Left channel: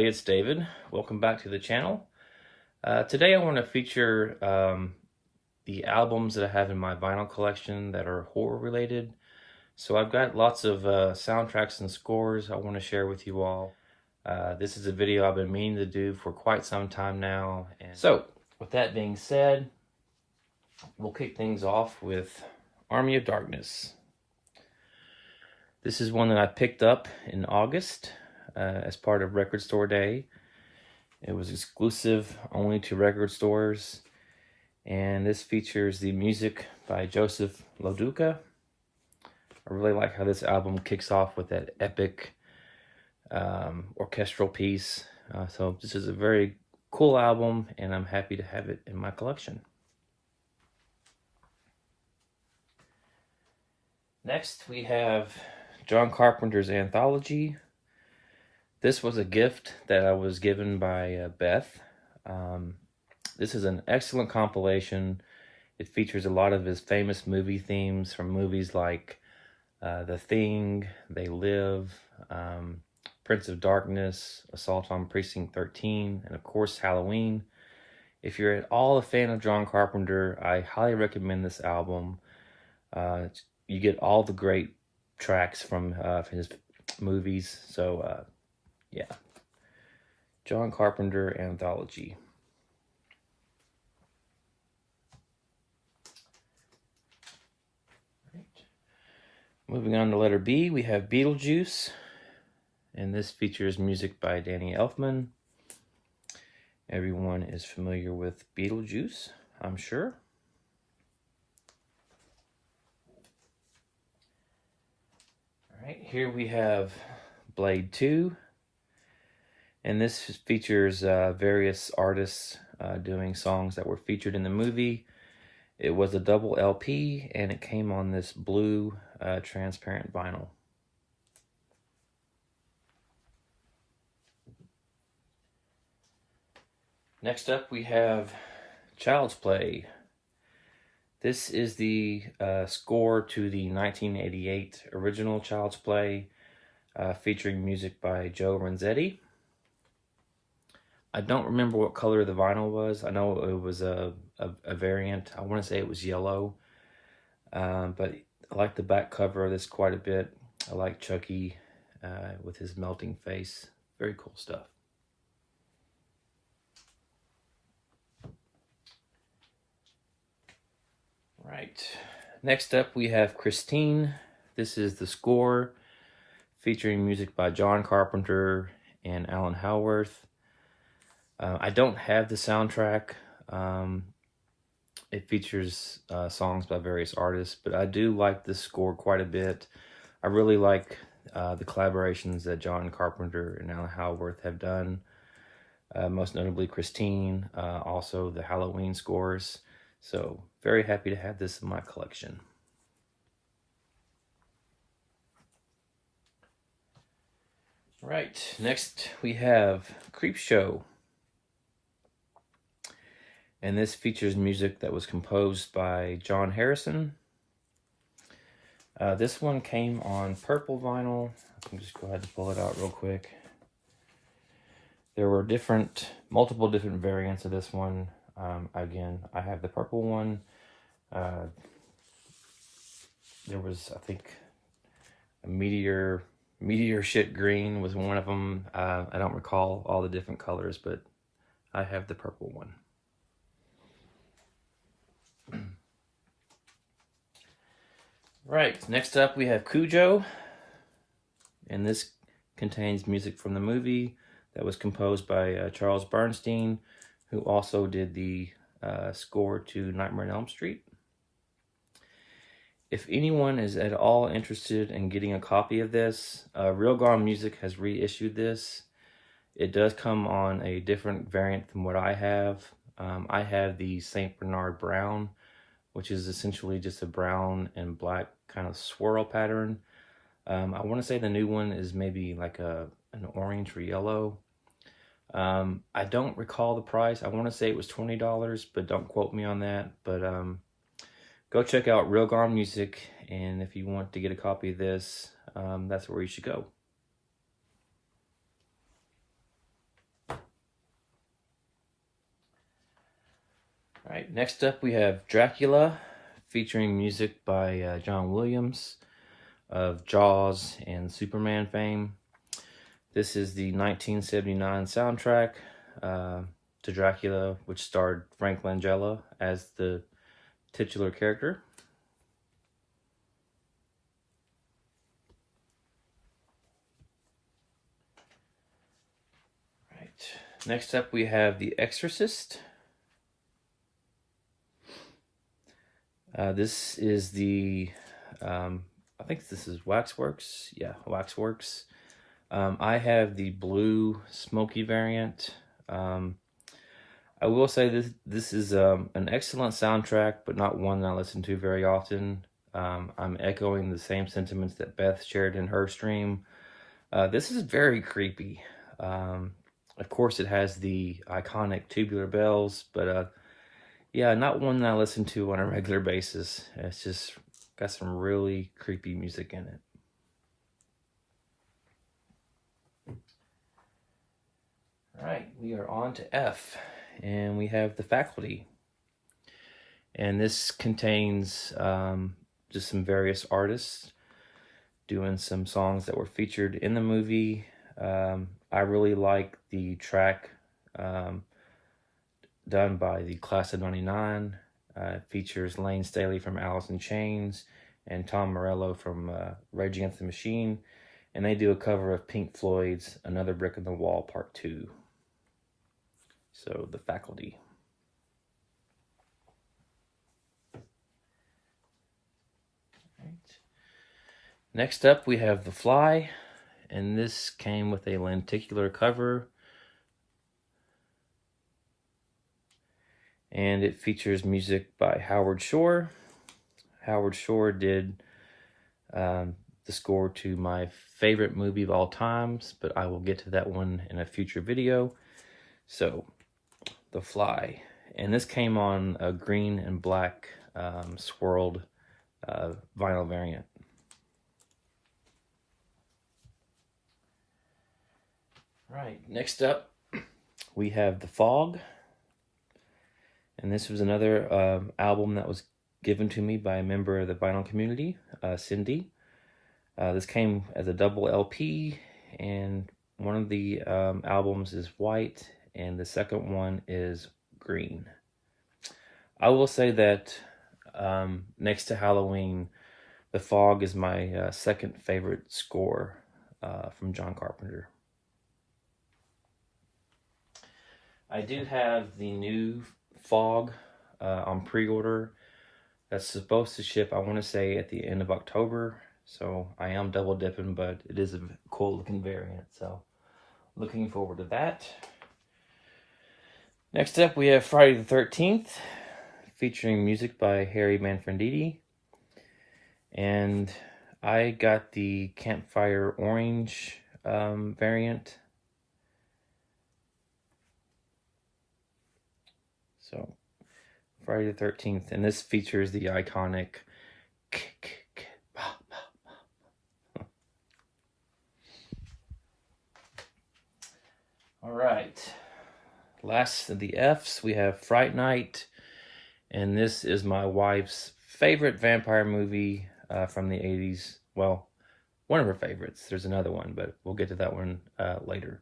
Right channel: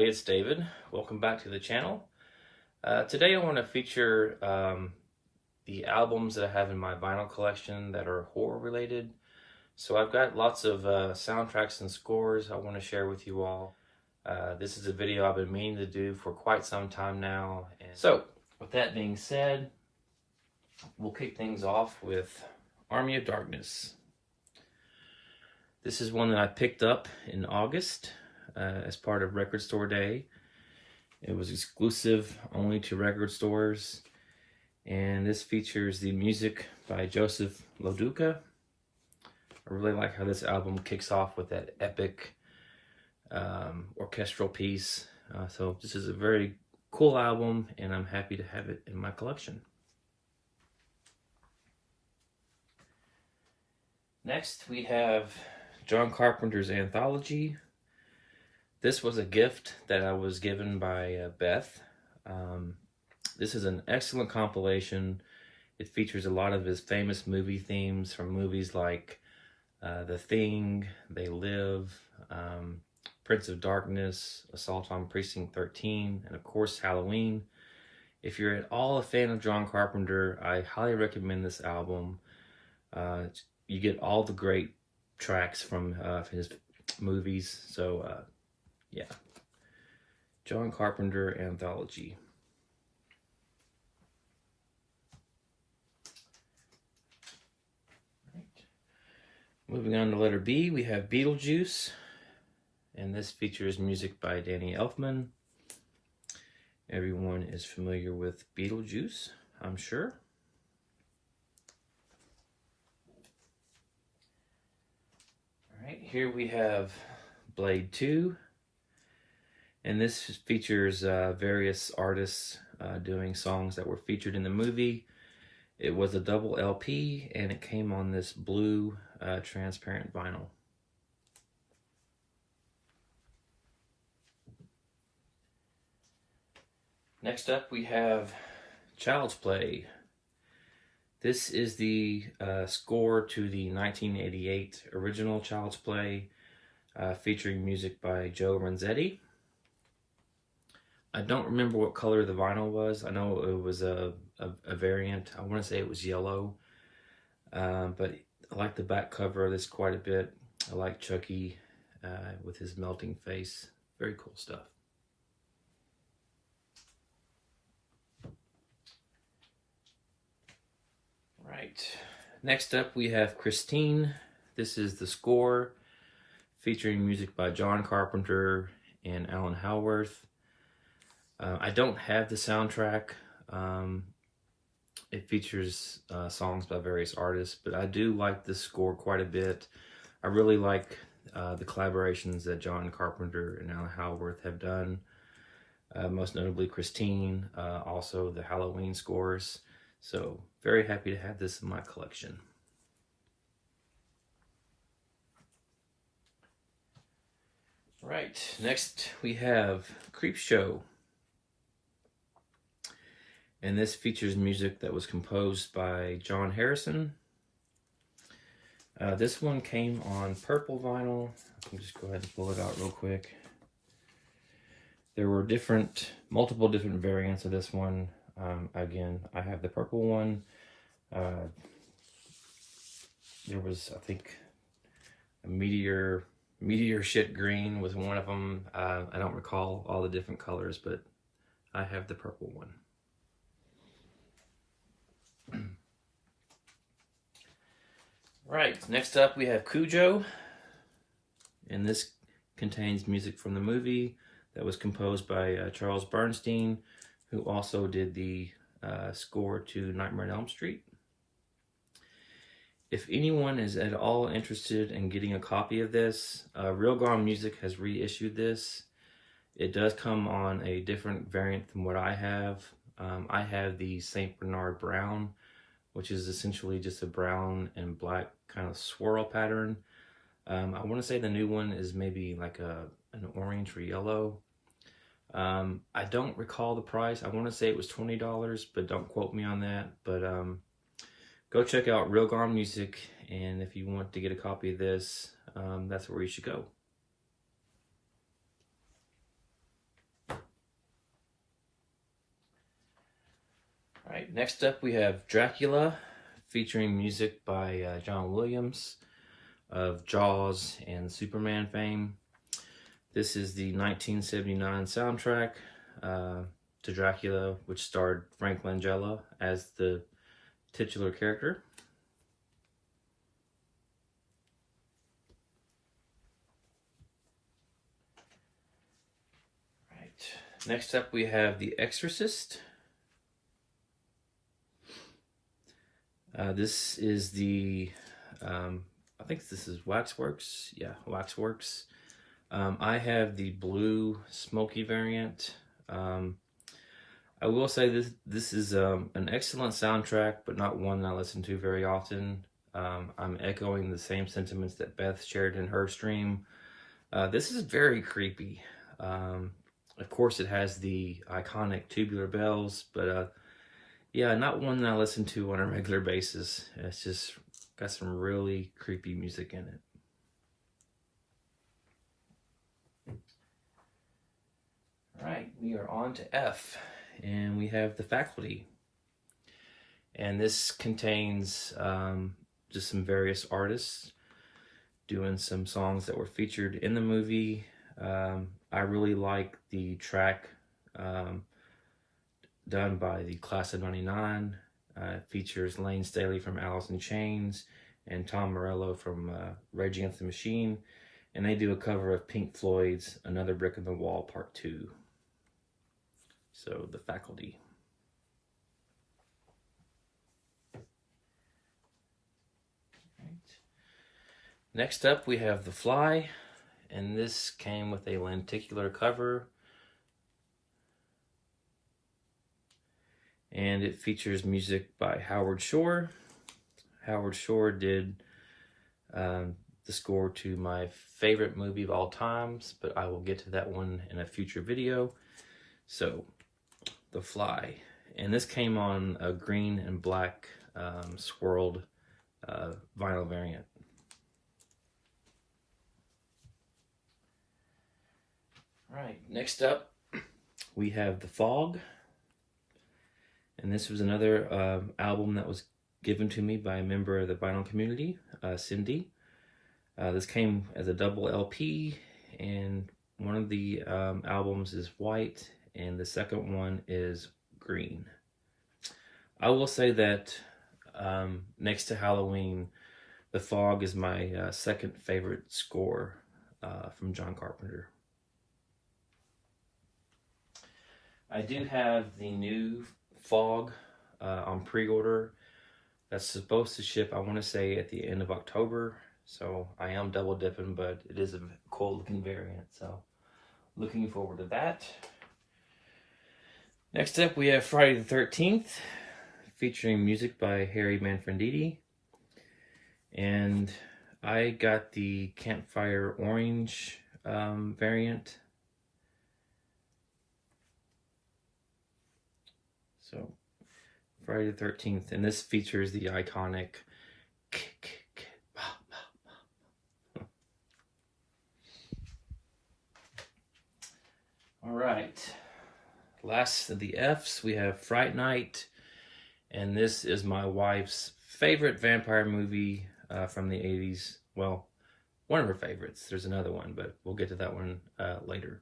everybody, it's David. Welcome back to the channel. Today I want to feature the albums that I have in my vinyl collection that are horror related. So I've got lots of soundtracks and scores I want to share with you all. This is a video I've been meaning to do for quite some time now. And so with that being said, we'll kick things off with Army of Darkness. This is one that I picked up in August as part of Record Store Day. It was exclusive only to record stores, and this features the music by Joseph Loduca. I really like how this album kicks off with that epic orchestral piece. So this is a very cool album, and I'm happy to have it in my collection. Next, we have John Carpenter's Anthology. This was a gift that I was given by Beth. This is an excellent compilation. It features a lot of his famous movie themes from movies like The Thing, They Live, Prince of Darkness, Assault on Precinct 13, and of course Halloween. If you're at all a fan of John Carpenter, I highly recommend this album. You get all the great tracks from his movies. So yeah, John Carpenter Anthology. Right. Moving on to letter B, we have Beetlejuice, and this features music by Danny Elfman. Everyone is familiar with Beetlejuice, I'm sure. All right, here we have Blade 2. And this features various artists doing songs that were featured in the movie. It was a double LP, and it came on this blue transparent vinyl. Next up, we have Child's Play. This is the score to the 1988 original Child's Play, featuring music by Joe Renzetti. I don't remember what color the vinyl was. I know it was a variant. I want to say it was yellow. But I like the back cover of this quite a bit. I like Chucky with his melting face. Very cool stuff. Right. Next up we have Christine. This is the score featuring music by John Carpenter and Alan Howarth. I don't have the soundtrack. It features songs by various artists, but I do like this score quite a bit. I really like the collaborations that John Carpenter and Alan Howarth have done. Most notably Christine, also the Halloween scores. So very happy to have this in my collection. Right, next we have Creepshow. And this features music that was composed by John Harrison. This one came on purple vinyl. Let me just go ahead and pull it out real quick. There were multiple different variants of this one. Again, I have the purple one. There was, I think, a meteor shit green was one of them. I don't recall all the different colors, but I have the purple one. Right, next up we have Cujo, and this contains music from the movie that was composed by Charles Bernstein, who also did the score to Nightmare on Elm Street. If anyone is at all interested in getting a copy of this, Real Gone Music has reissued this. It does come on a different variant than what I have. I have the St. Bernard Brown, which is essentially just a brown and black kind of swirl pattern. I want to say the new one is maybe like an orange or yellow. I don't recall the price. I want to say it was $20, but don't quote me on that. But go check out Real Gone Music, and if you want to get a copy of this, that's where you should go. All right, next up we have Dracula, featuring music by John Williams of Jaws and Superman fame. This is the 1979 soundtrack to Dracula, which starred Frank Langella as the titular character. Right. Next up we have The Exorcist. This is the, I think this is Waxworks. Yeah, Waxworks. I have the blue smoky variant. I will say this is an excellent soundtrack, but not one that I listen to very often. I'm echoing the same sentiments that Beth shared in her stream. This is very creepy. Of course, it has the iconic tubular bells, but yeah, not one that I listen to on a regular basis. It's just got some really creepy music in it. All right, we are on to F, and we have The Faculty. And this contains just some various artists doing some songs that were featured in the movie. I really like the track done by the Class of '99. It features Lane Staley from Alice in Chains and Tom Morello from Rage Against the Machine. And they do a cover of Pink Floyd's Another Brick in the Wall Part 2. So, The Faculty. Right. Next up, we have The Fly. And this came with a lenticular cover. And it features music by Howard Shore. Howard Shore did the score to my favorite movie of all times, but I will get to that one in a future video. So, The Fly. And this came on a green and black swirled vinyl variant. Right, next up, we have The Fog. And this was another album that was given to me by a member of the vinyl community, Cindy. This came as a double LP, and one of the albums is white, and the second one is green. I will say that next to Halloween, The Fog is my second favorite score from John Carpenter. I do have the new Fog on pre-order. That's supposed to ship, I want to say, at the end of October. So I am double dipping, but it is a cool looking variant. So looking forward to that. Next up, we have Friday the 13th, featuring music by Harry Manfredini. And I got the Campfire Orange variant. So, Friday the 13th, and this features the iconic All right, last of the F's, we have Fright Night, and this is my wife's favorite vampire movie from the 80s. Well, one of her favorites. There's another one, but we'll get to that one later.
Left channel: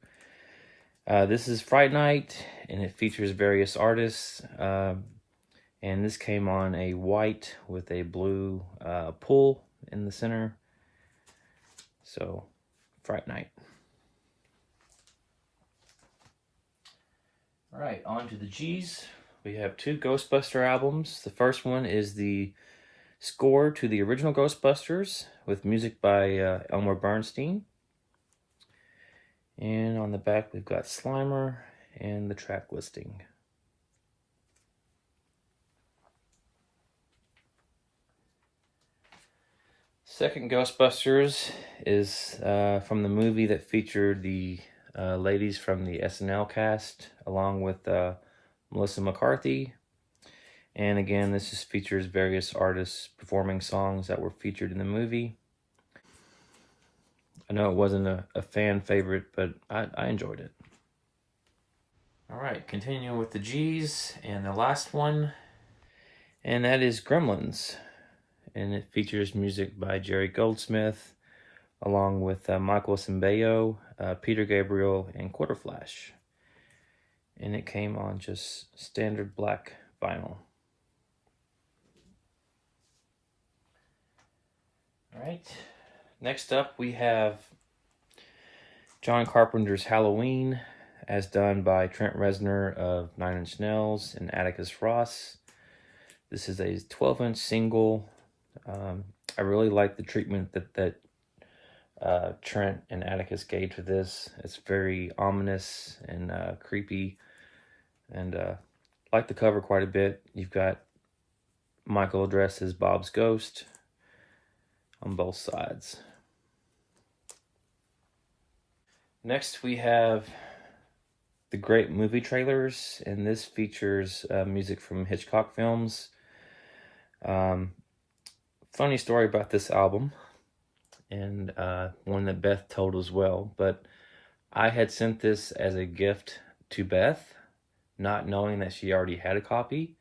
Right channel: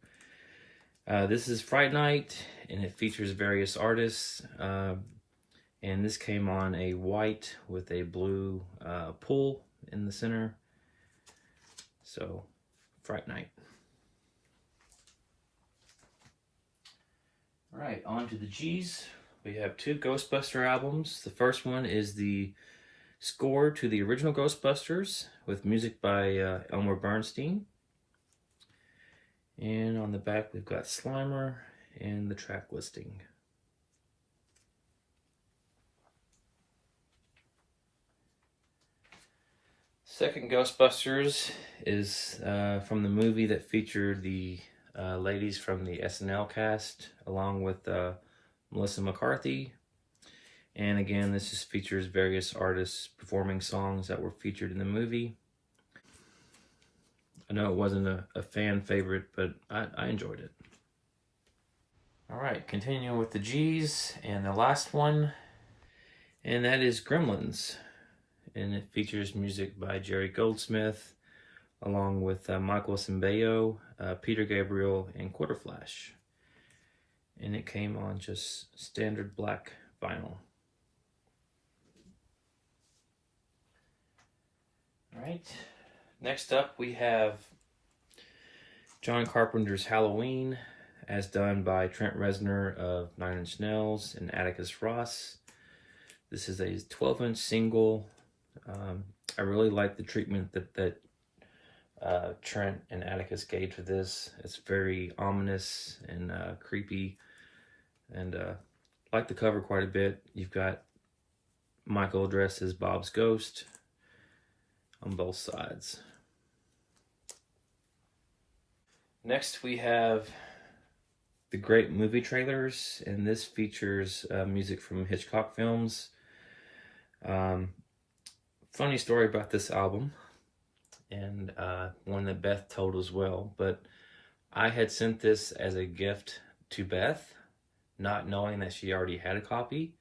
This is Fright Night, and it features various artists. And this came on a white with a blue pull in the center. So, Fright Night. All right, on to the G's. We have two Ghostbuster albums. The first one is the score to the original Ghostbusters with music by Elmer Bernstein. And on the back, we've got Slimer and the track listing. Second Ghostbusters is from the movie that featured the ladies from the SNL cast, along with Melissa McCarthy. And again, this just features various artists performing songs that were featured in the movie. I know it wasn't a fan favorite, but I enjoyed it. All right, continuing with the G's, and the last one, and that is Gremlins. And it features music by Jerry Goldsmith, along with Michael Cimbello, Peter Gabriel, and Quarterflash. And it came on just standard black vinyl. All right, next up we have John Carpenter's Halloween, as done by Trent Reznor of Nine Inch Nails and Atticus Ross. This is a 12-inch single. I really like the treatment that Trent and Atticus gave to this. It's very ominous and creepy, and like the cover quite a bit. You've got Michael dressed as Bob's ghost on both sides. Next we have the Great Movie Trailers, and this features music from Hitchcock films. Funny story about this album, and one that Beth told as well, but I had sent this as a gift to Beth, not knowing that she already had a copy.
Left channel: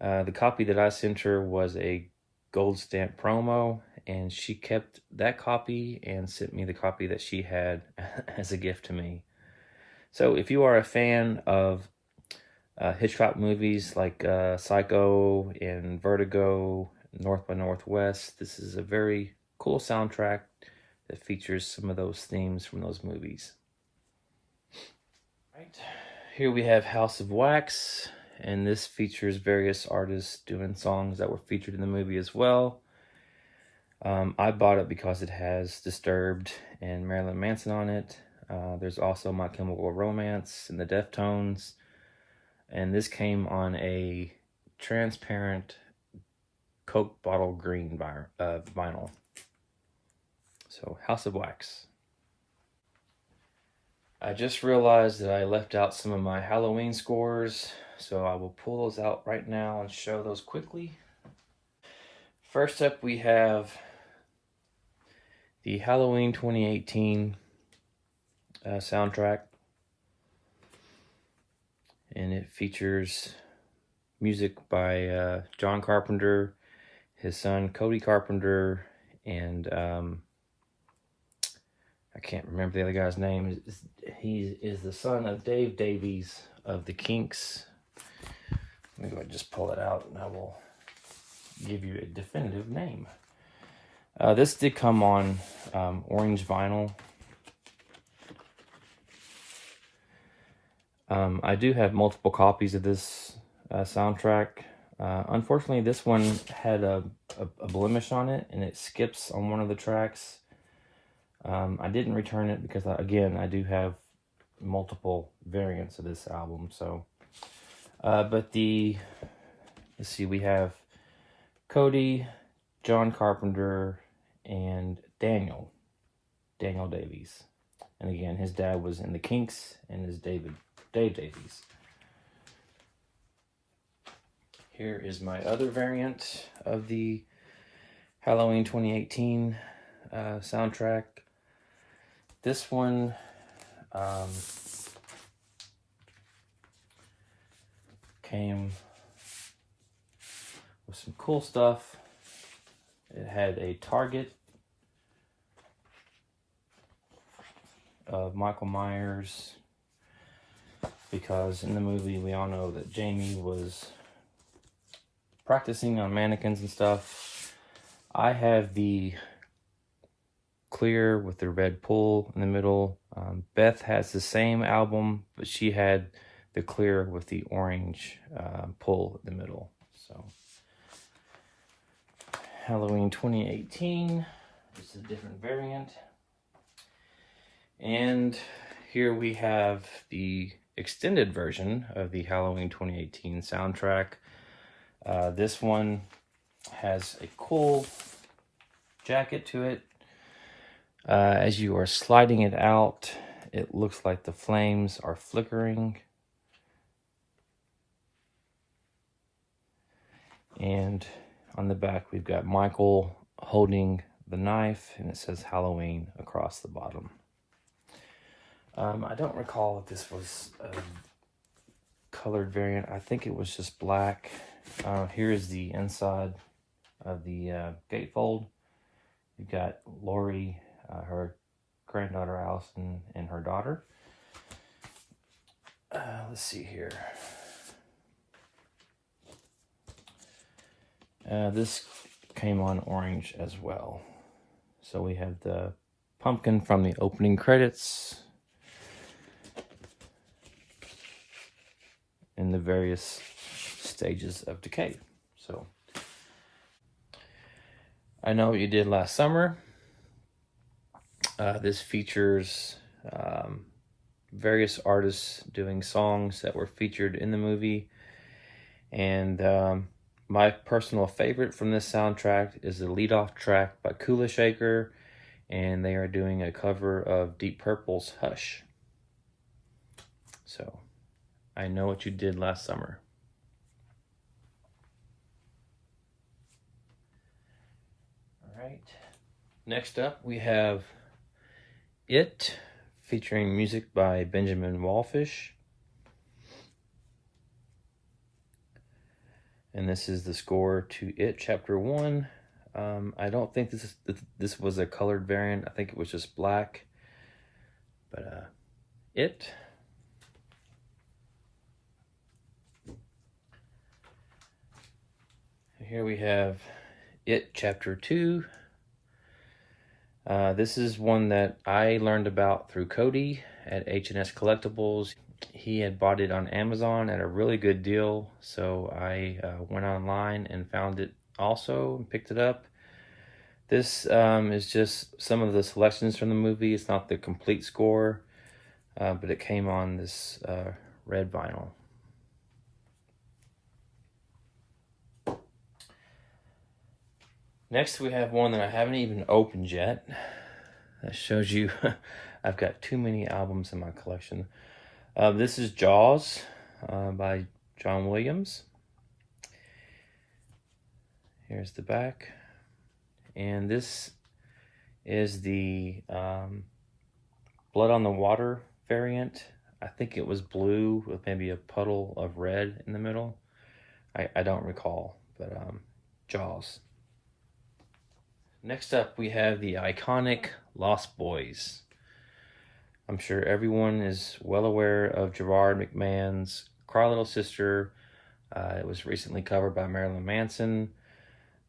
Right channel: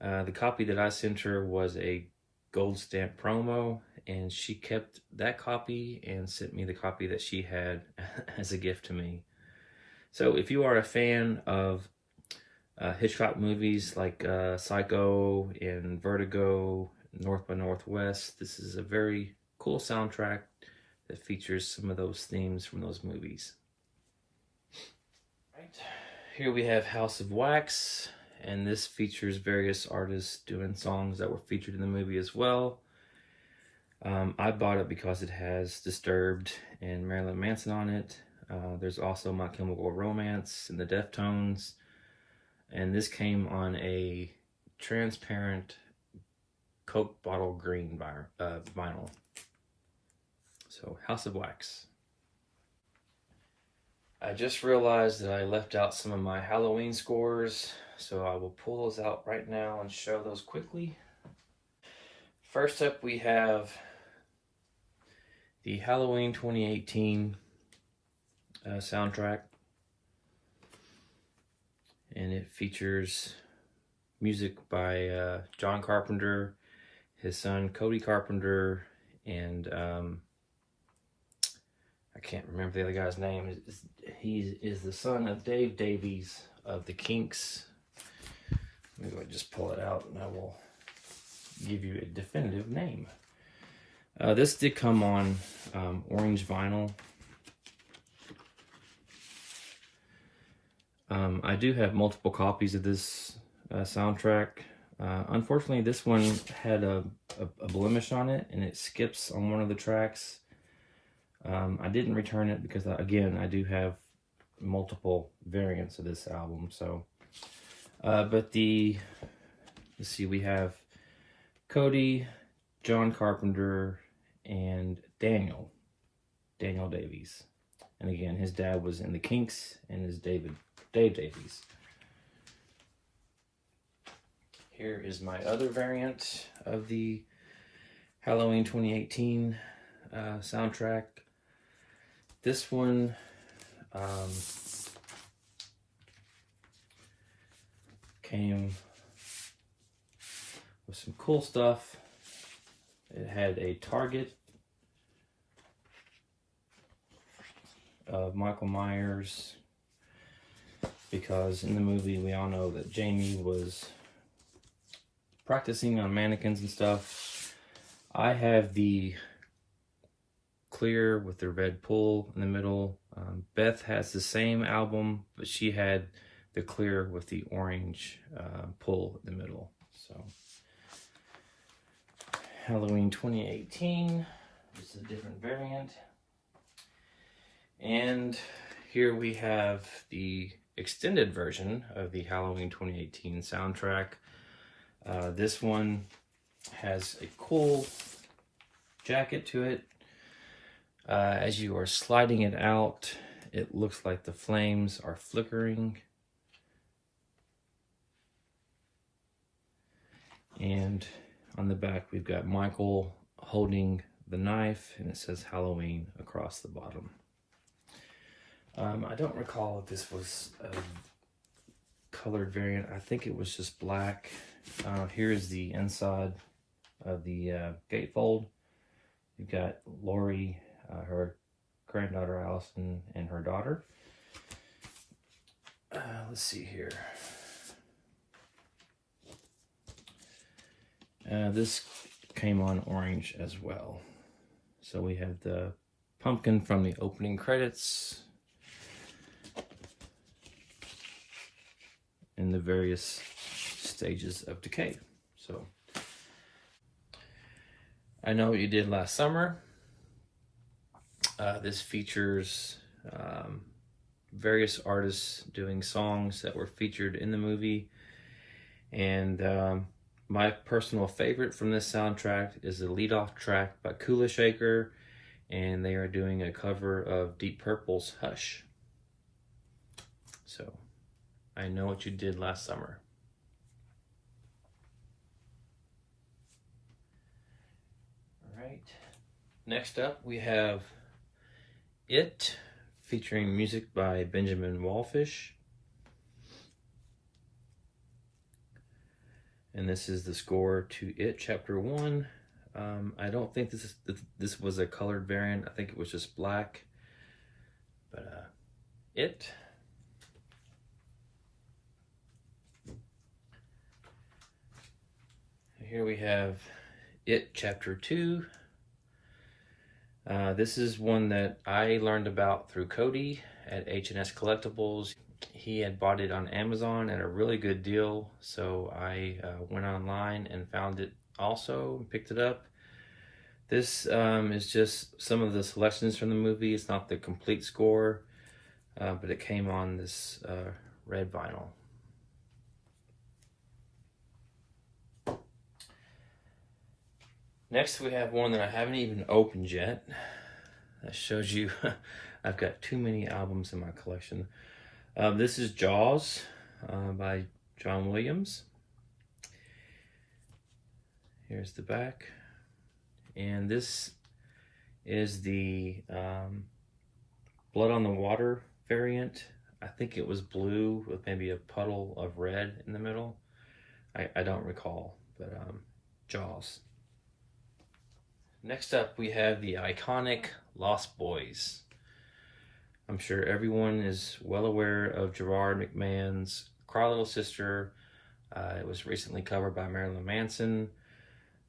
The copy that I sent her was a gold stamp promo, and she kept that copy and sent me the copy that she had as a gift to me. So if you are a fan of Hitchcock movies like Psycho and Vertigo, North by Northwest, this is a very cool soundtrack that features some of those themes from those movies. Right. Here we have House of Wax, and this features various artists doing songs that were featured in the movie as well. I bought it because it has Disturbed and Marilyn Manson on it. There's also My Chemical Romance and the Deftones, and this came on a transparent Coke bottle green vinyl. So, House of Wax. I just realized that I left out some of my Halloween scores, so I will pull those out right now and show those quickly. First up, we have the Halloween 2018 soundtrack, and it features music by John Carpenter, his son Cody Carpenter, and I can't remember the other guy's name. He is the son of Dave Davies of the Kinks. Let me go ahead and just pull it out, and I will give you a definitive name. This did come on orange vinyl. I do have multiple copies of this soundtrack. Unfortunately, this one had a blemish on it, and it skips on one of the tracks. I didn't return it because, again, I do have multiple variants of this album. So, but let's see, we have Cody, John Carpenter, and Daniel Davies. And again, his dad was in the Kinks, and his Dave Davies. Here is my other variant of the Halloween 2018 soundtrack. This one came with some cool stuff. It had a target of Michael Myers, because in the movie we all know that Jamie was practicing on mannequins and stuff. I have the clear with the red pull in the middle. Beth has the same album, but she had the clear with the orange pull in the middle. So, Halloween 2018 is a different variant. And here we have the extended version of the Halloween 2018 soundtrack. This one has a cool jacket to it. As you are sliding it out, it looks like the flames are flickering. And on the back, we've got Michael holding the knife, and it says Halloween across the bottom. I don't recall if this was a colored variant. I think it was just black. Here is the inside of the gatefold. You've got Lori, her granddaughter Allison, and her daughter. Let's see here. This came on orange as well. So we have the pumpkin from the opening credits in the various stages of decay. So I Know What You Did Last Summer. This features various artists doing songs that were featured in the movie. And my personal favorite from this soundtrack is the lead-off track by Kula Shaker, and they are doing a cover of Deep Purple's Hush. So, I Know What You Did Last Summer. Alright, next up we have It, featuring music by Benjamin Wallfish. And this is the score to It Chapter 1. I don't think this was a colored variant. I think it was just black. But It. Here we have It Chapter 2. This is one that I learned about through Cody at H&S Collectibles. He had bought it on Amazon at a really good deal, so I went online and found it also and picked it up. This is just some of the selections from the movie. It's not the complete score, but it came on this red vinyl. Next we have one that I haven't even opened yet. That shows you I've got too many albums in my collection. This is Jaws by John Williams. Here's the back. And this is the Blood on the Water variant. I think it was blue with maybe a puddle of red in the middle. I don't recall, but Jaws. Next up we have the iconic Lost Boys. I'm sure everyone is well aware of Gerard McMahon's Cry Little Sister. It was recently covered by Marilyn Manson.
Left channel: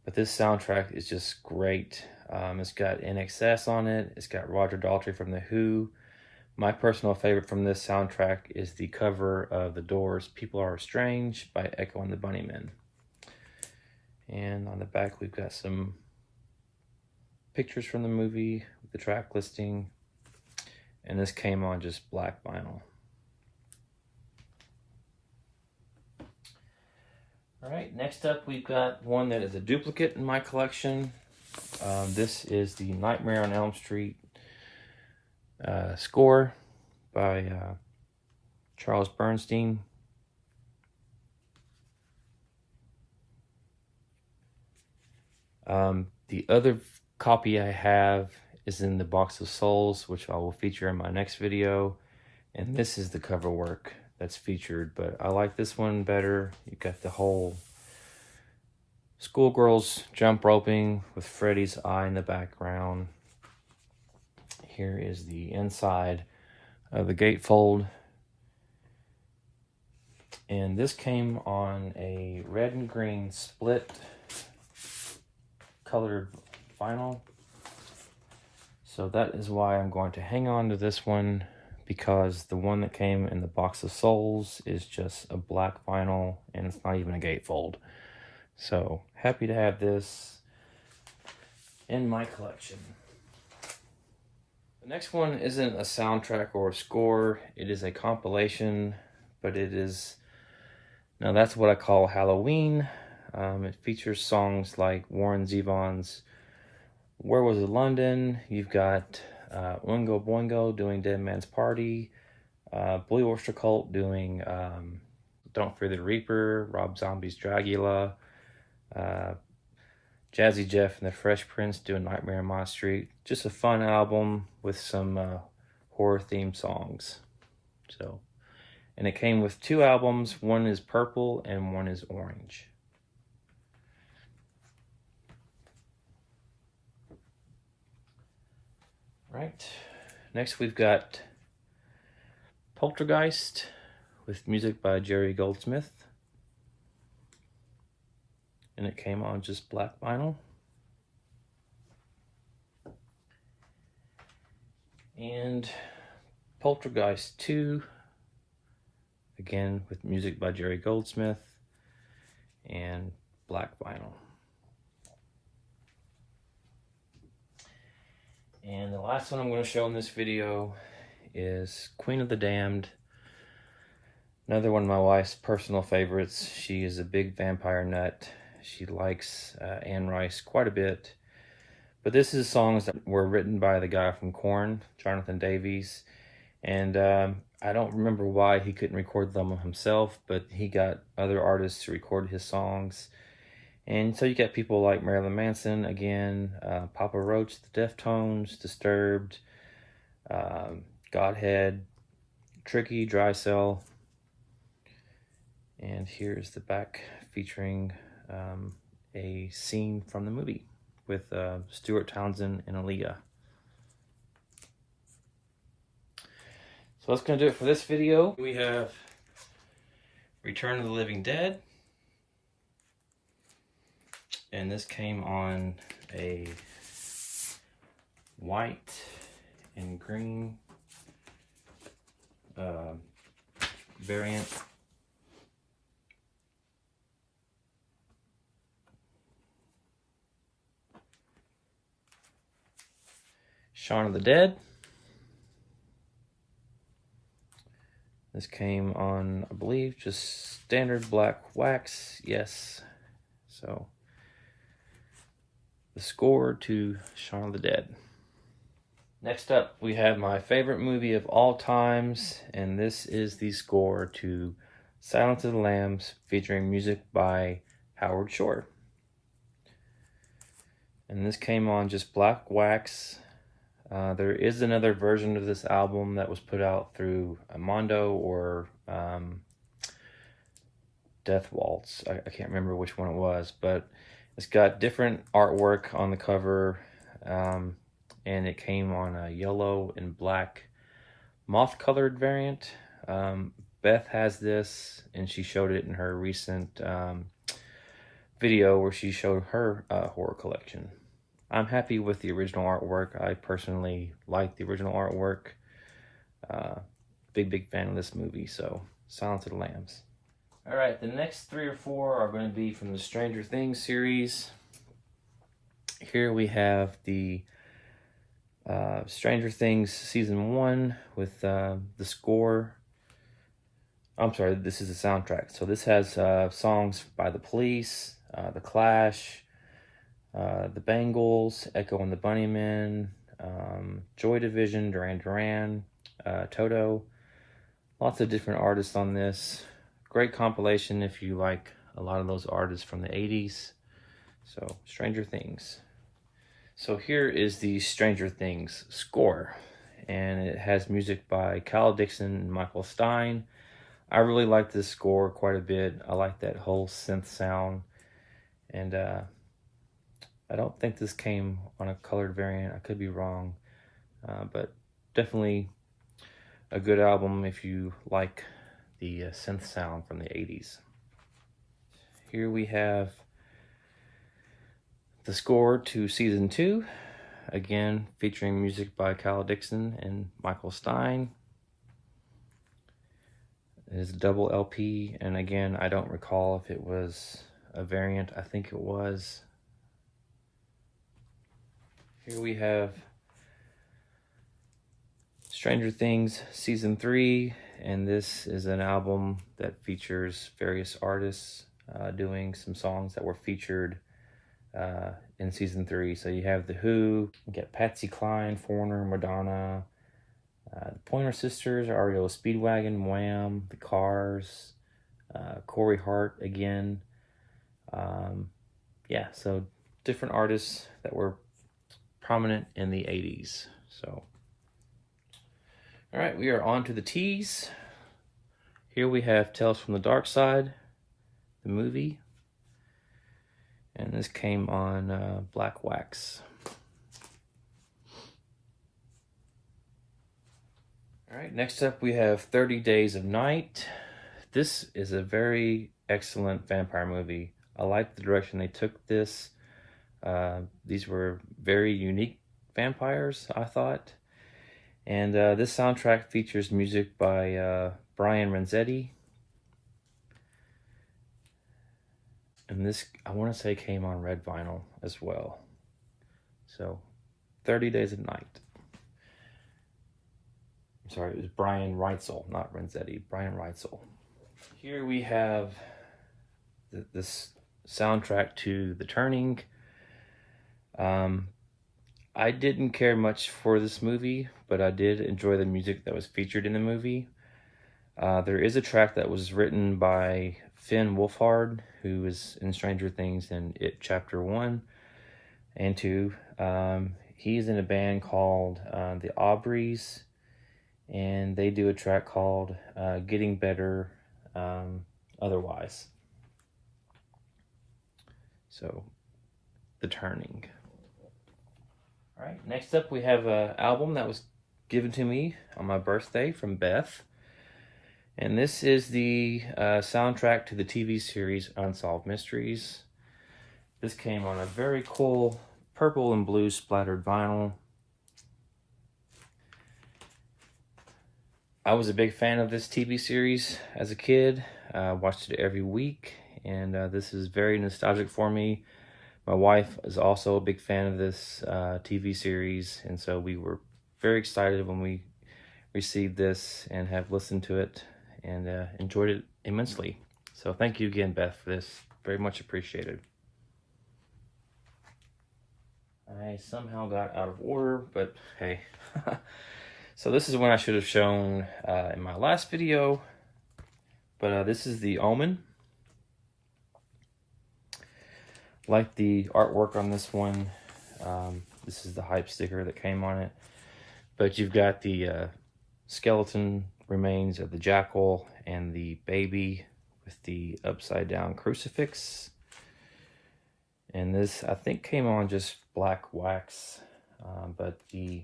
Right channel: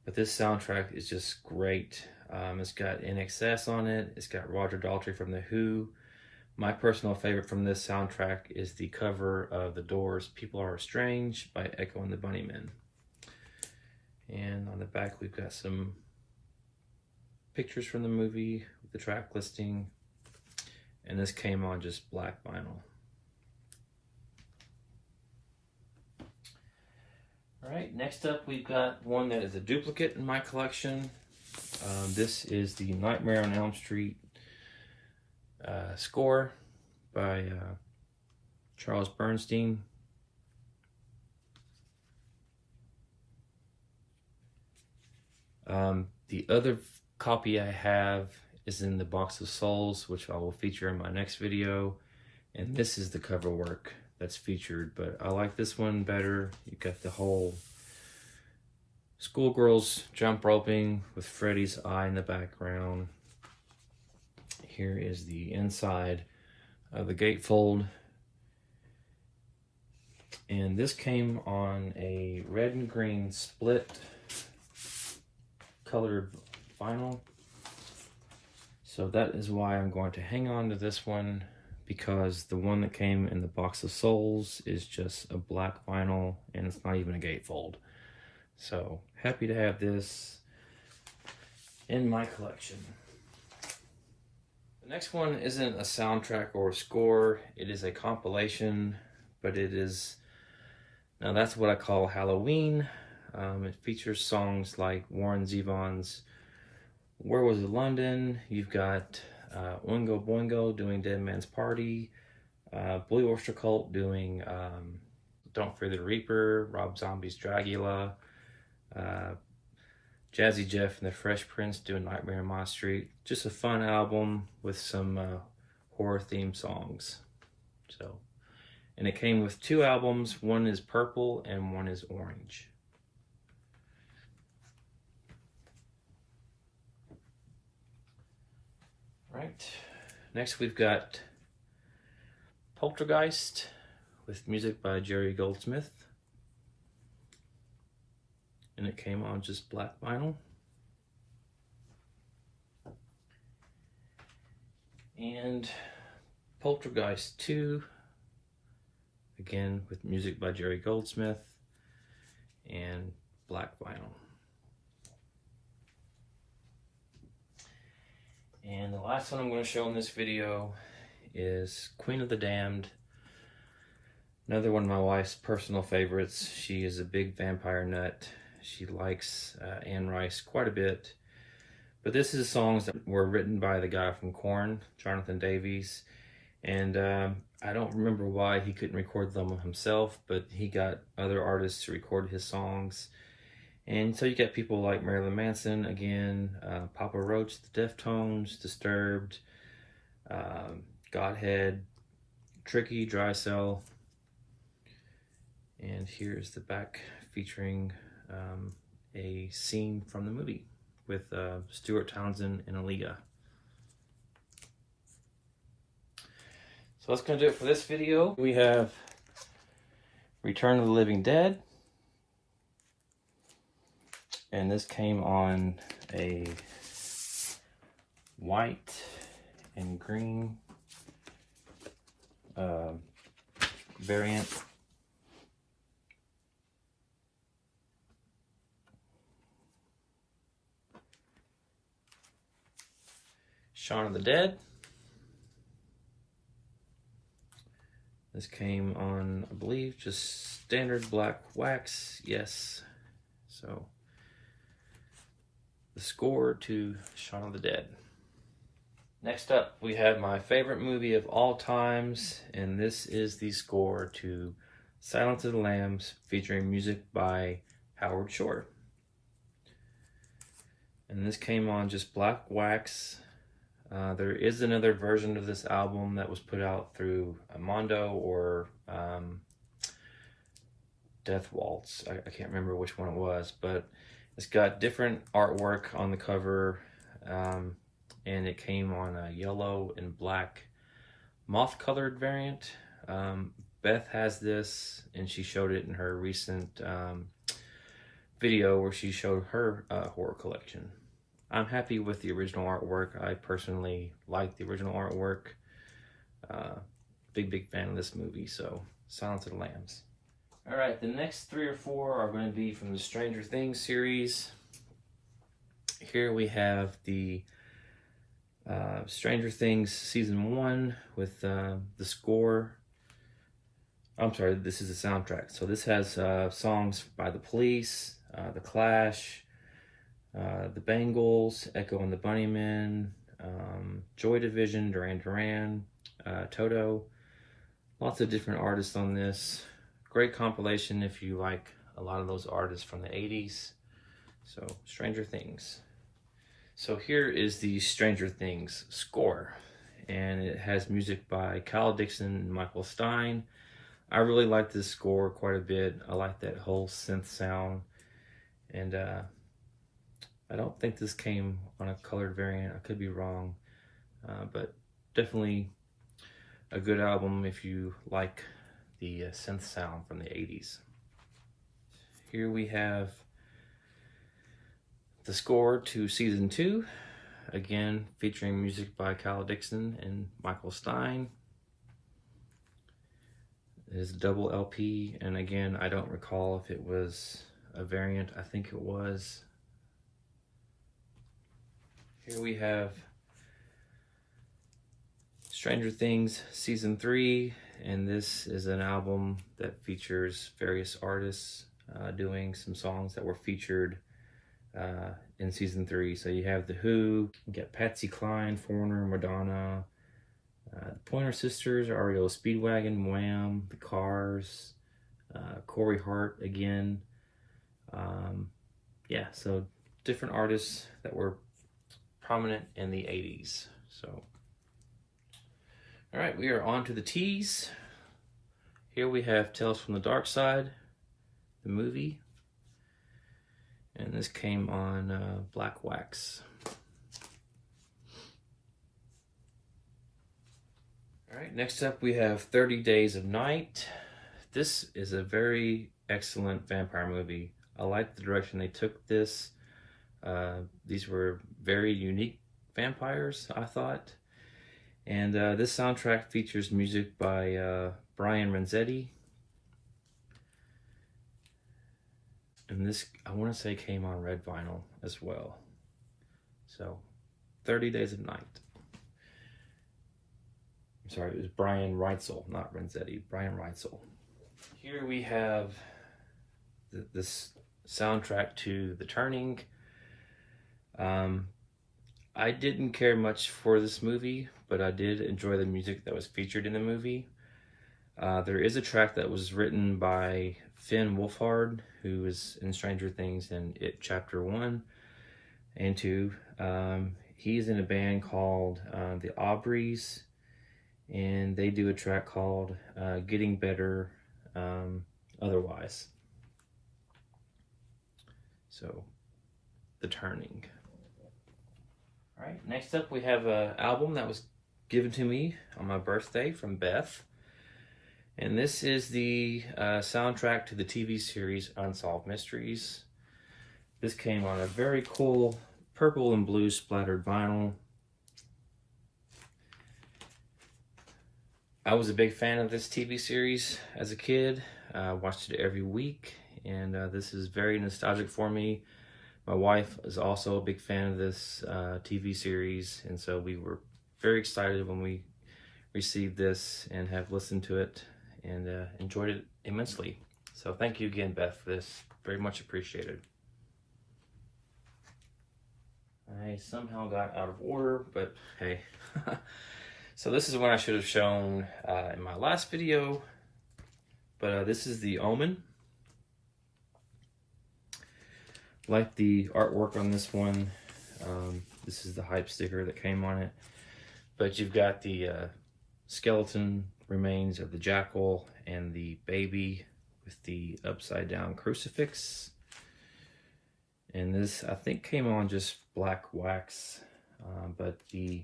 But this soundtrack is just great. It's got INXS on it. It's got Roger Daltrey from The Who. My personal favorite from this soundtrack is the cover of The Doors' People Are Strange by Echo and the Bunnymen. And on the back we've got some pictures from the movie, the track listing. And this came on just black vinyl. Alright, next up we've got one that is a duplicate in my collection. This is the Nightmare on Elm Street score by Charles Bernstein. The other copy I have is in the Box of Souls, which I will feature in my next video. And this is the cover work that's featured, but I like this one better. You got the whole schoolgirls jump roping with Freddy's eye in the background. Here is the inside of the gatefold. And this came on a red and green split colored vinyl. So that is why I'm going to hang on to this one, because the one that came in the Box of Souls is just a black vinyl and it's not even a gatefold. So happy to have this in my collection. The next one isn't a soundtrack or a score, it is a compilation, but it is, now that's what I call Halloween. It features songs like Warren Zevon's Where Was It London? You've got Oingo Boingo doing Dead Man's Party, Blue Oyster Cult doing Don't Fear the Reaper, Rob Zombie's Dragula, Jazzy Jeff and the Fresh Prince doing Nightmare on My Street. Just a fun album with some horror themed songs. So, and it came with 2 albums. One is purple and one is orange. Right. Next we've got Poltergeist with music by Jerry Goldsmith. And it came on just black vinyl. And Poltergeist 2, again with music by Jerry Goldsmith and black vinyl. And the last one I'm going to show in this video is Queen of the Damned. Another one of my wife's personal favorites. She is a big vampire nut. She likes Anne Rice quite a bit. But this is songs that were written by the guy from Korn, Jonathan Davis. And I don't remember why he couldn't record them himself, but he got other artists to record his songs. And so you get people like Marilyn Manson, again, Papa Roach, the Deftones, Disturbed, Godhead, Tricky, Dry Cell. And here's the back featuring a scene from the movie with Stuart Townsend and Aaliyah. So that's going to do it for this video. We have Return of the Living Dead. And this came on a white and green variant. Shaun of the Dead. This came on, I believe, just standard black wax. Yes. So, the score to Shaun of the Dead. Next up, we have my favorite movie of all times, and this is the score to Silence of the Lambs, featuring music by Howard Shore. And this came on just black wax. There is another version of this album that was put out through Mondo or Death Waltz. I can't remember which one it was, but it's got different artwork on the cover, and it came on a yellow and black moth-colored variant. Beth has this, and she showed it in her recent video where she showed her horror collection. I'm happy with the original artwork. I personally like the original artwork. Big fan of this movie, so Silence of the Lambs. Alright, the next 3 or 4 are going to be from the Stranger Things series. Here we have the Stranger Things Season 1 with the score. I'm sorry, this is the soundtrack. So this has songs by The Police, The Clash, The Bangles, Echo and the Bunnymen, Joy Division, Duran Duran, Toto. Lots of different artists on this. Great compilation if you like a lot of those artists from the 80s. So, Stranger Things. So here is the Stranger Things score. And it has music by Kyle Dixon and Michael Stein. I really like this score quite a bit. I like that whole synth sound. And I don't think this came on a colored variant. I could be wrong. But definitely a good album if you like the synth sound from the 80s. Here we have the score to Season 2. Again, featuring music by Kyle Dixon and Michael Stein. It is a double LP, and again, I don't recall if it was a variant. I think it was. Here we have Stranger Things Season 3, and this is an album that features various artists doing some songs that were featured in Season 3. So you have The Who, you get Patsy Cline, Foreigner, Madonna, the Pointer Sisters, REO Speedwagon, Wham, The Cars, Corey Hart again. Yeah, so different artists that were prominent in the 80s. So All right, we are on to the T's. Here we have Tales from the Dark Side, the movie. And this came on black wax. All right, next up we have 30 Days of Night. This is a very excellent vampire movie. I like the direction they took this. These were very unique vampires, I thought. And this soundtrack features music by Brian Renzetti. And this, I want to say, came on red vinyl as well. So, 30 Days of Night. I'm sorry, it was Brian Reitzel, not Renzetti. Brian Reitzel. Here we have this soundtrack to The Turning. I didn't care much for this movie, but I did enjoy the music that was featured in the movie. There is a track that was written by Finn Wolfhard, who was in Stranger Things and It Chapter 1 and 2. He's in a band called the Aubreys, and they do a track called Getting Better Otherwise. So, The Turning. All right, next up we have an album that was given to me on my birthday from Beth. And this is the soundtrack to the TV series Unsolved Mysteries. This came on a very cool purple and blue splattered vinyl. I was a big fan of this TV series as a kid. Watched it every week, and this is very nostalgic for me. My wife is also a big fan of this TV series, and so we were very excited when we received this and have listened to it and enjoyed it immensely. So thank you again, Beth, for this. Very much appreciated. I somehow got out of order, but hey. So this is one I should have shown in my last video, but this is The Omen. Like the artwork on this one. This is the hype sticker that came on it. But you've got the skeleton remains of the jackal and the baby with the upside down crucifix. And this, I think, came on just black wax. But the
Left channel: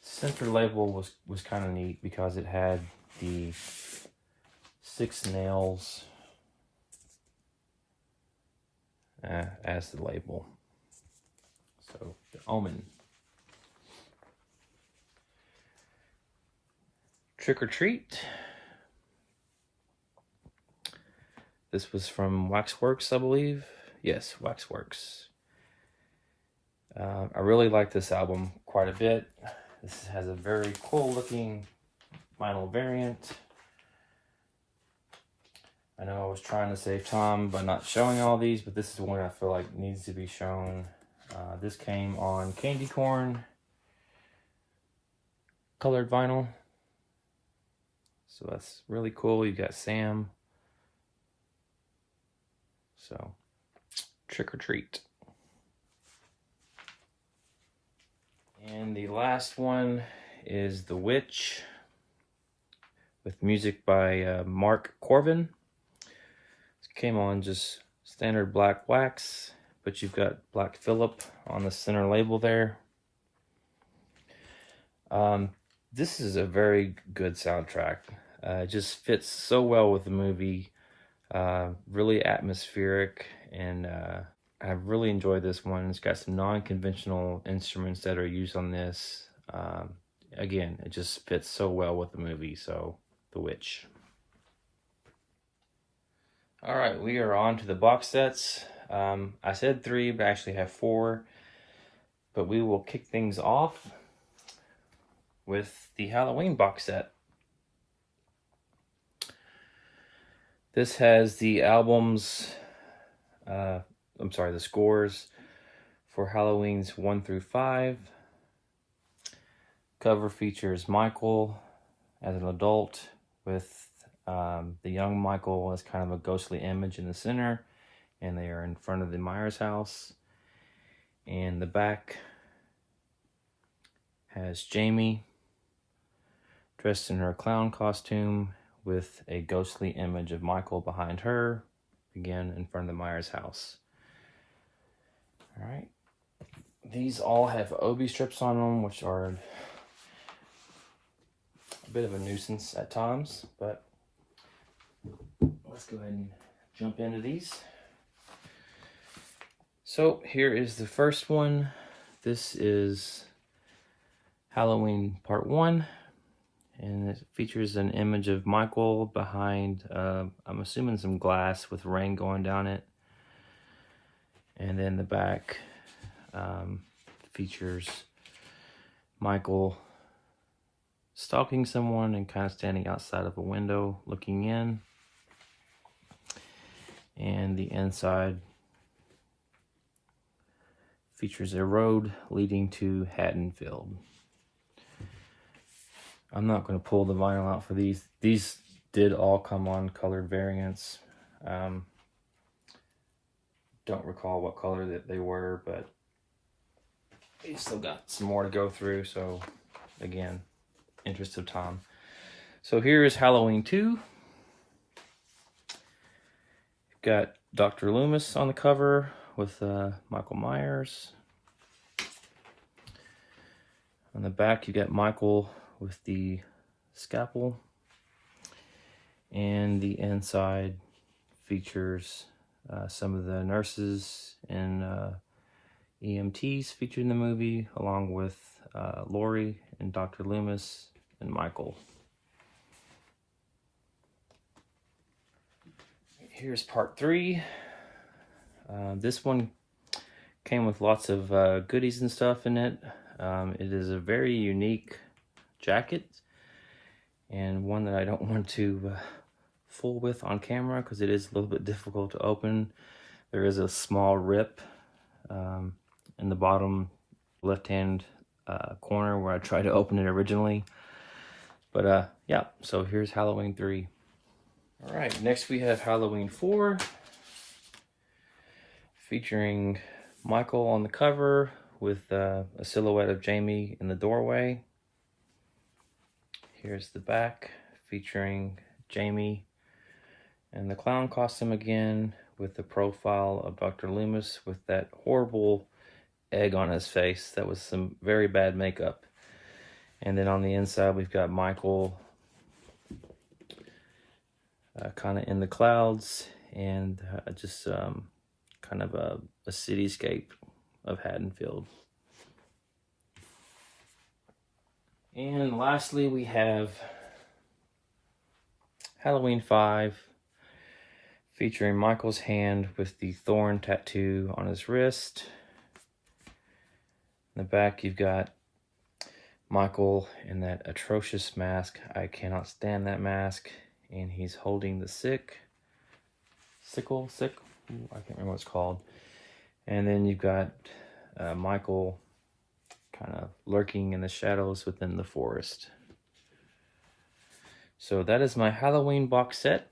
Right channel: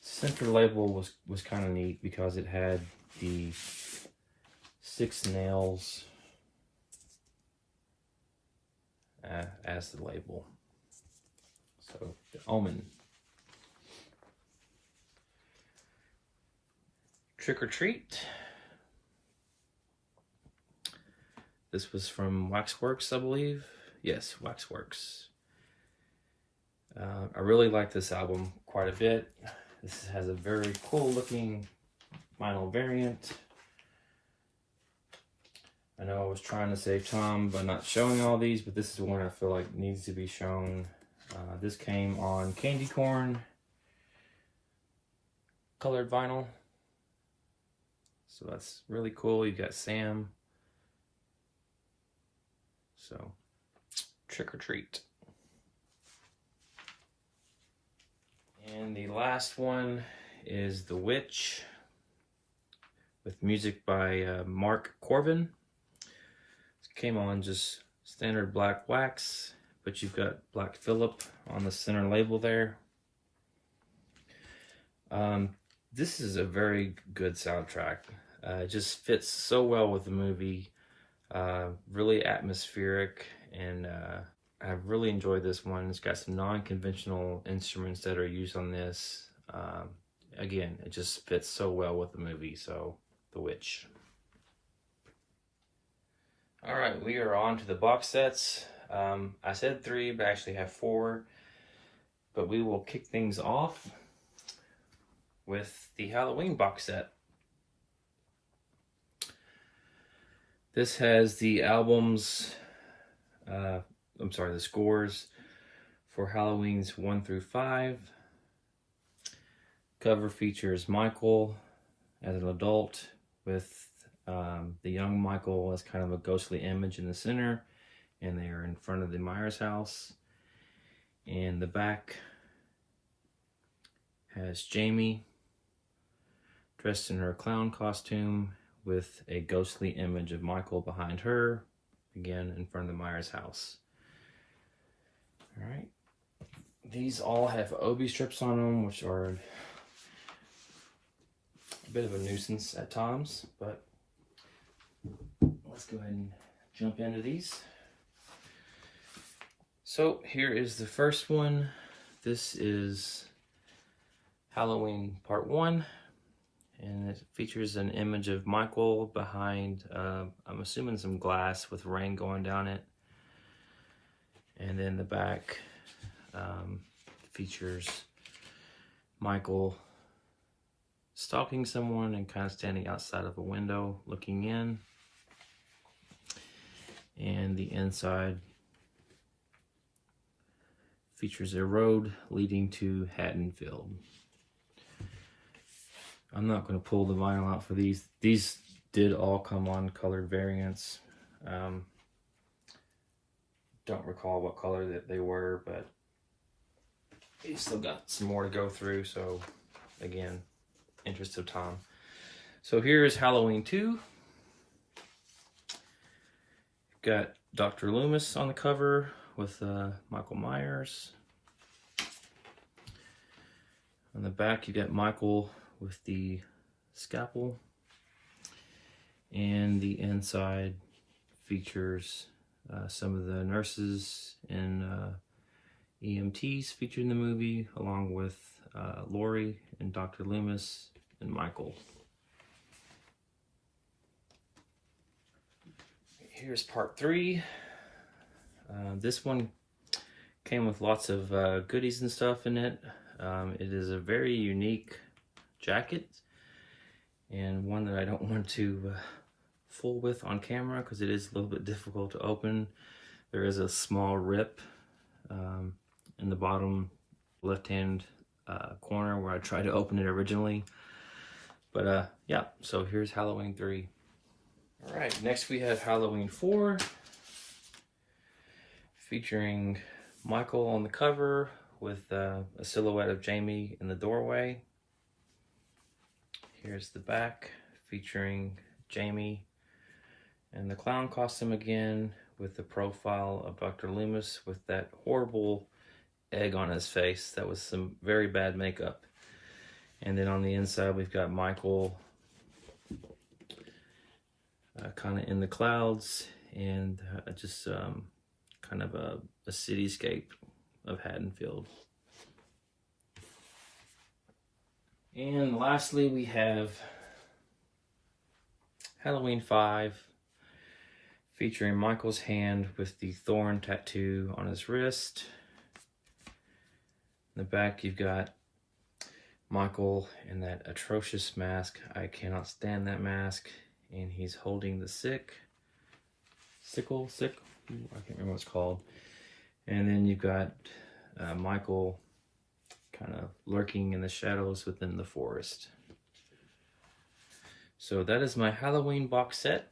center label was kind of neat because it had the 6 nails as the label. So, The Omen. Trick or Treat. This was from Waxworks, I believe. Yes, Waxworks. I really like this album quite a bit. This has a very cool looking vinyl variant. I know I was trying to save time by not showing all these, but this is one I feel like needs to be shown. This came on candy corn colored vinyl. So that's really cool. You got Sam. So, Trick or Treat. And the last one is The Witch with music by Mark Corbin. Came on just standard black wax, but you've got Black Phillip on the center label there. This is a very good soundtrack. It just fits so well with the movie. Really atmospheric, and I really enjoyed this one. It's got some non-conventional instruments that are used on this. Again, it just fits so well with the movie. So, The Witch. All right, we are on to the box sets. I said 3, but I actually have 4. But we will kick things off with the Halloween box set. This has the albums, the scores for Halloween's 1 through 5. Cover features Michael as an adult with the young Michael as kind of a ghostly image in the center, and they are in front of the Myers house. And the back has Jamie dressed in her clown costume with a ghostly image of Michael behind her, again in front of the Myers house. All right. These all have OB strips on them, which are a bit of a nuisance at times, but let's go ahead and jump into these. So here is the first one. This is Halloween Part 1, and it features an image of Michael behind, I'm assuming some glass with rain going down it. And then the back features Michael stalking someone and kind of standing outside of a window looking in. And the inside features a road leading to Haddonfield. I'm not going to pull the vinyl out for these. These did all come on colored variants. Don't recall what color that they were, but we still got some more to go through. So again, interest of time. So here is Halloween 2. Got Dr. Loomis on the cover with Michael Myers. On the back, you got Michael with the scalpel. And the inside features some of the nurses and EMTs featured in the movie, along with Laurie and Dr. Loomis and Michael. Here's Part 3. This one came with lots of goodies and stuff in it. It is a very unique jacket, and one that I don't want to fool with on camera because it is a little bit difficult to open. There is a small rip in the bottom left-hand corner where I tried to open it originally. But yeah, so here's Halloween 3. All right, next we have Halloween 4, featuring Michael on the cover with a silhouette of Jamie in the doorway. Here's the back, featuring Jamie in the clown costume again, with the profile of Dr. Loomis with that horrible egg on his face. That was some very bad makeup. And then on the inside, we've got Michael kind of in the clouds, and just kind of a cityscape of Haddonfield. And lastly, we have Halloween 5, featuring Michael's hand with the thorn tattoo on his wrist. In the back, you've got Michael in that atrocious mask. I cannot stand that mask. And he's holding the sickle. I can't remember what it's called. And then you've got Michael kind of lurking in the shadows within the forest. So that is my Halloween box set.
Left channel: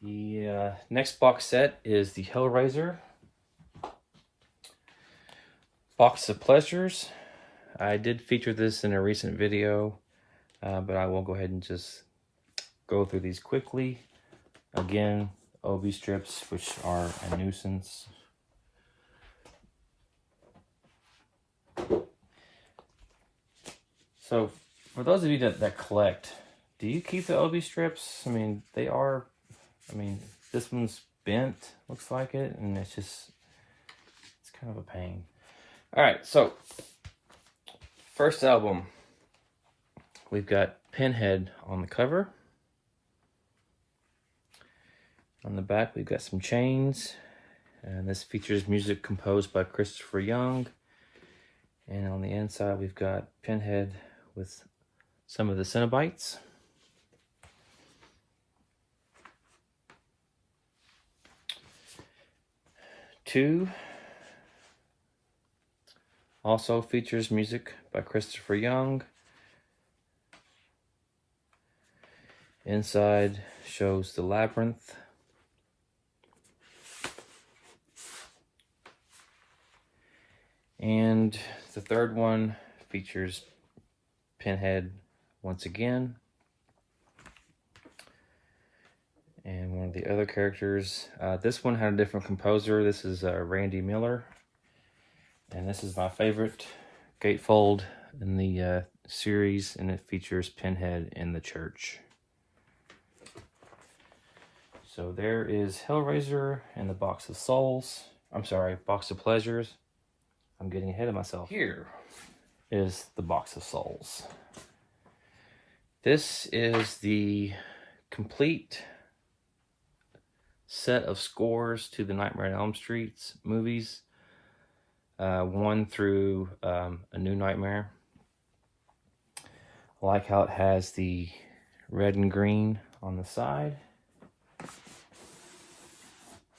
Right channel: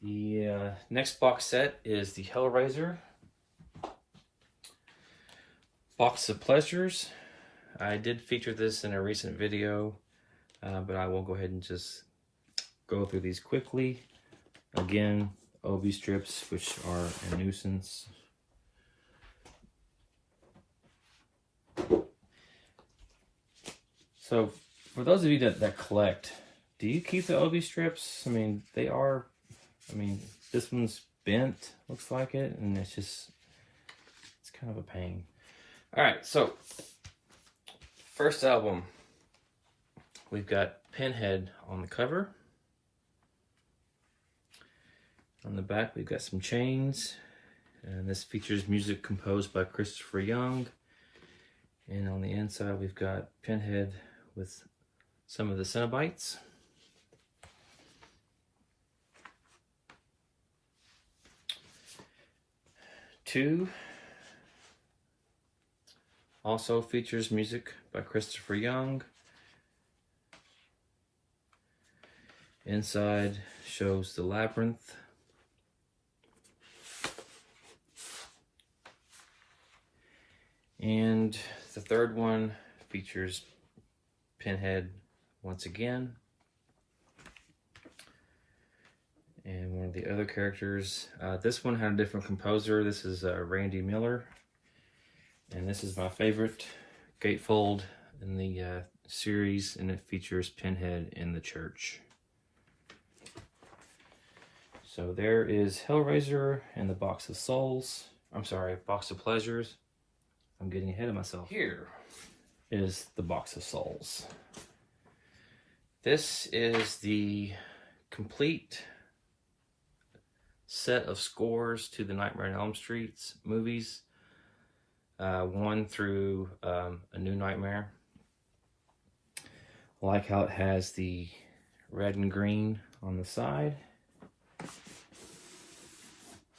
The next box set is the Hellraiser Box of Pleasures. I did feature this in a recent video, but I will go ahead and just go through these quickly. Again, OB strips, which are a nuisance. So, for those of you that collect, do you keep the OB strips? I mean, this one's bent, looks like it, and it's kind of a pain. Alright, so, first album, we've got Pinhead on the cover. On the back, we've got some chains, and this features music composed by Christopher Young. And on the inside, we've got Pinhead with some of the Cenobites. Two also features music by Christopher Young. Inside shows the labyrinth. And the third one features Pinhead once again. And one of the other characters, this one had a different composer. This is Randy Miller. And this is my favorite gatefold in the series, and it features Pinhead in the church. So there is Hellraiser and the Box of Souls. I'm sorry, Box of Pleasures. I'm getting ahead of myself. Here is the Box of Souls. This is the complete set of scores to the Nightmare on Elm Street movies. 1 through A New Nightmare. I like how it has the red and green on the side.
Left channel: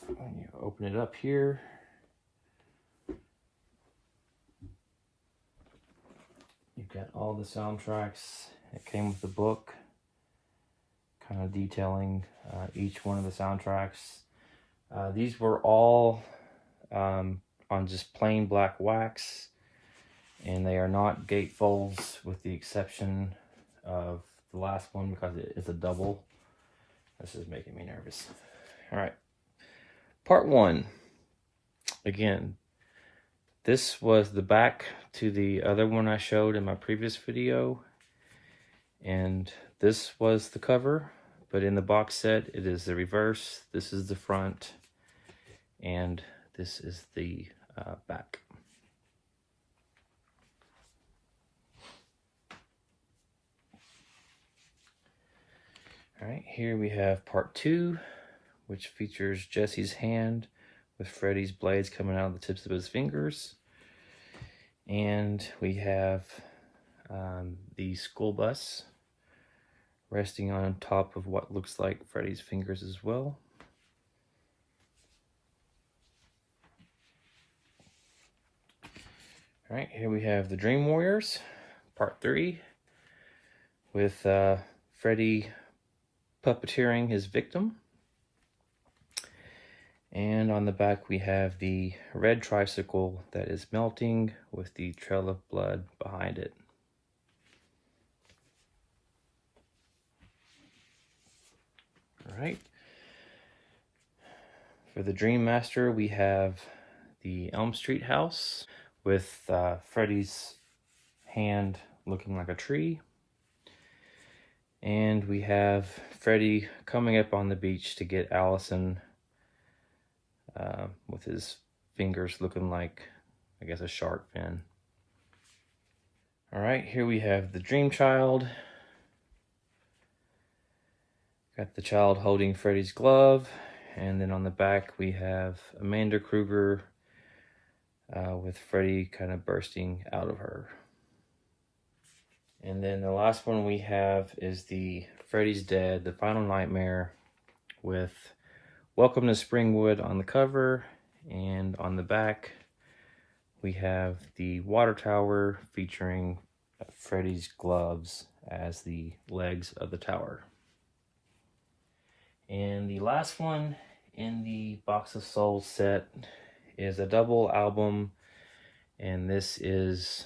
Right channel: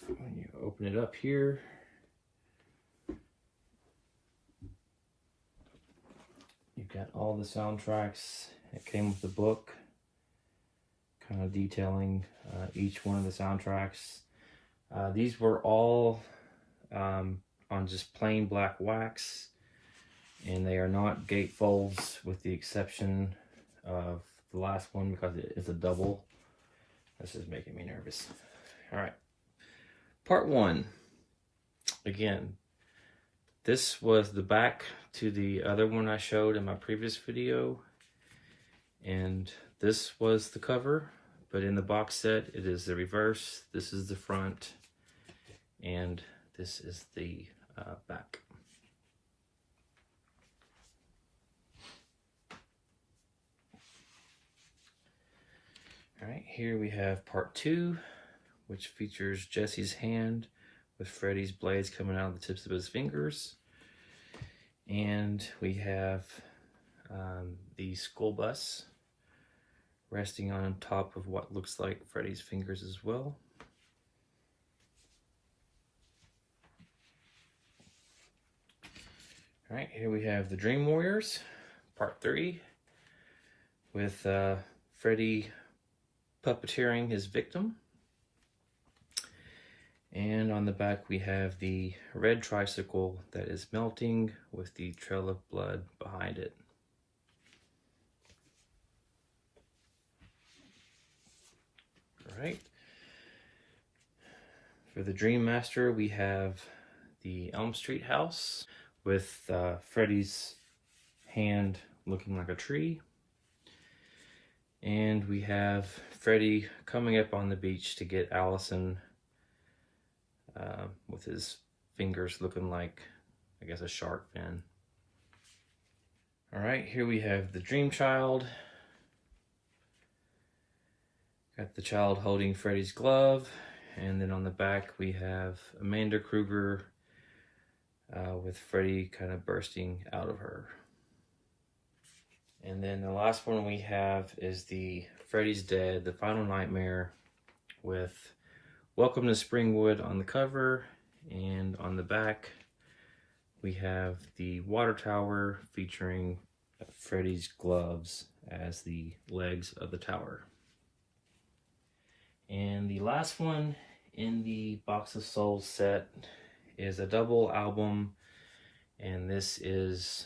When you open it up here, you've got all the soundtracks. It came with the book, kind of detailing each one of the soundtracks. These were all on just plain black wax, and they are not gatefolds with the exception of the last one because it is a double. This is making me nervous. All right. Part 1. Again, this was the back to the other one I showed in my previous video. And this was the cover, but in the box set, it is the reverse. This is the front, and this is the back. All right, here we have part 2, which features Jesse's hand with Freddy's blades coming out of the tips of his fingers. And we have the school bus resting on top of what looks like Freddy's fingers as well. All right, here we have the Dream Warriors, part 3, with Freddy puppeteering his victim. And on the back we have the red tricycle that is melting with the trail of blood behind it. All right. For the Dream Master, we have the Elm Street house with Freddy's hand looking like a tree. And we have Freddy coming up on the beach to get Allison with his fingers looking like, I guess, a shark fin. All right, here we have the Dream Child. Got the child holding Freddy's glove. And then on the back we have Amanda Kruger with Freddy kind of bursting out of her. And then the last one we have is the Freddy's Dead, the Final Nightmare, with Welcome to Springwood on the cover, and on the back we have the water tower featuring Freddy's gloves as the legs of the tower. And the last one in the Box of Souls set is a double album, and this is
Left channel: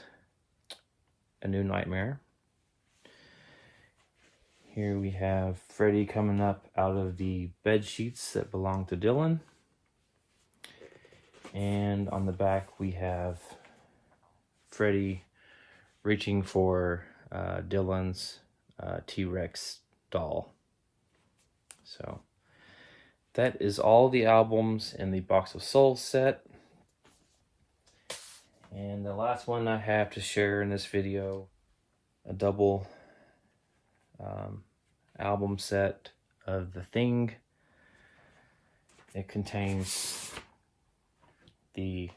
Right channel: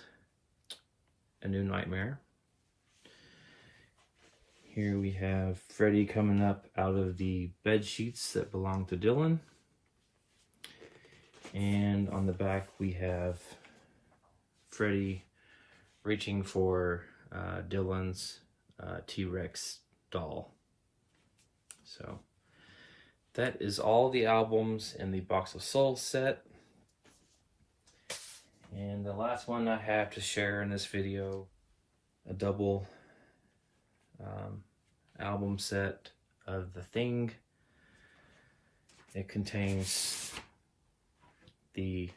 A New Nightmare. Here we have Freddy coming up out of the bed sheets that belong to Dylan. And on the back we have Freddy reaching for Dylan's T-Rex doll. So that is all the albums in the Box of Souls set. And the last one I have to share in this video, a double album set of The Thing. It contains the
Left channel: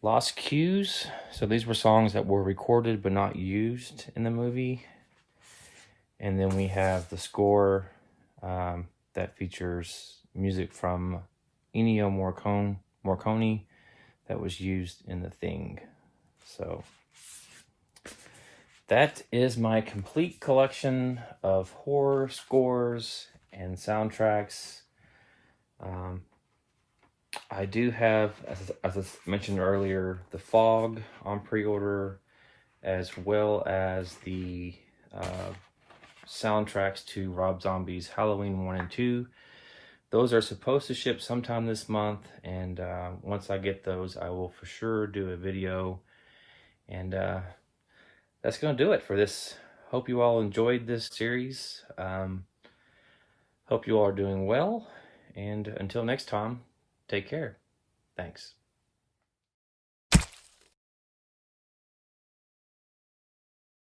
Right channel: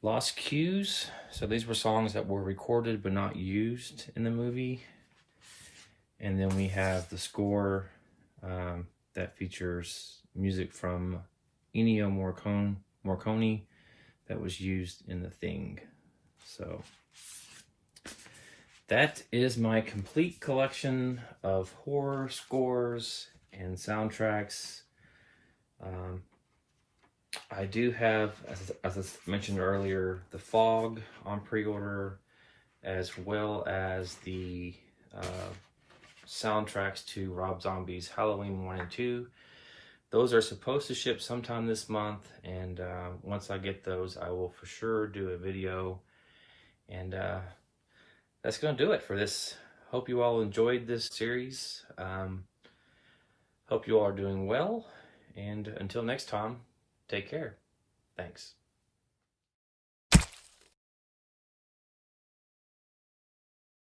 Lost Cues. So these were songs that were recorded but not used in the movie. And then we have the score that features music from Ennio Morricone that was used in The Thing. So that is my complete collection of horror scores and soundtracks. I do have, as I mentioned earlier, The Fog on pre-order, as well as the soundtracks to Rob Zombie's Halloween 1 and 2. Those are supposed to ship sometime this month, and once I get those, I will for sure do a video. And that's going to do it for this. Hope you all enjoyed this series. Hope you all are doing well, and until next time, take care. Thanks.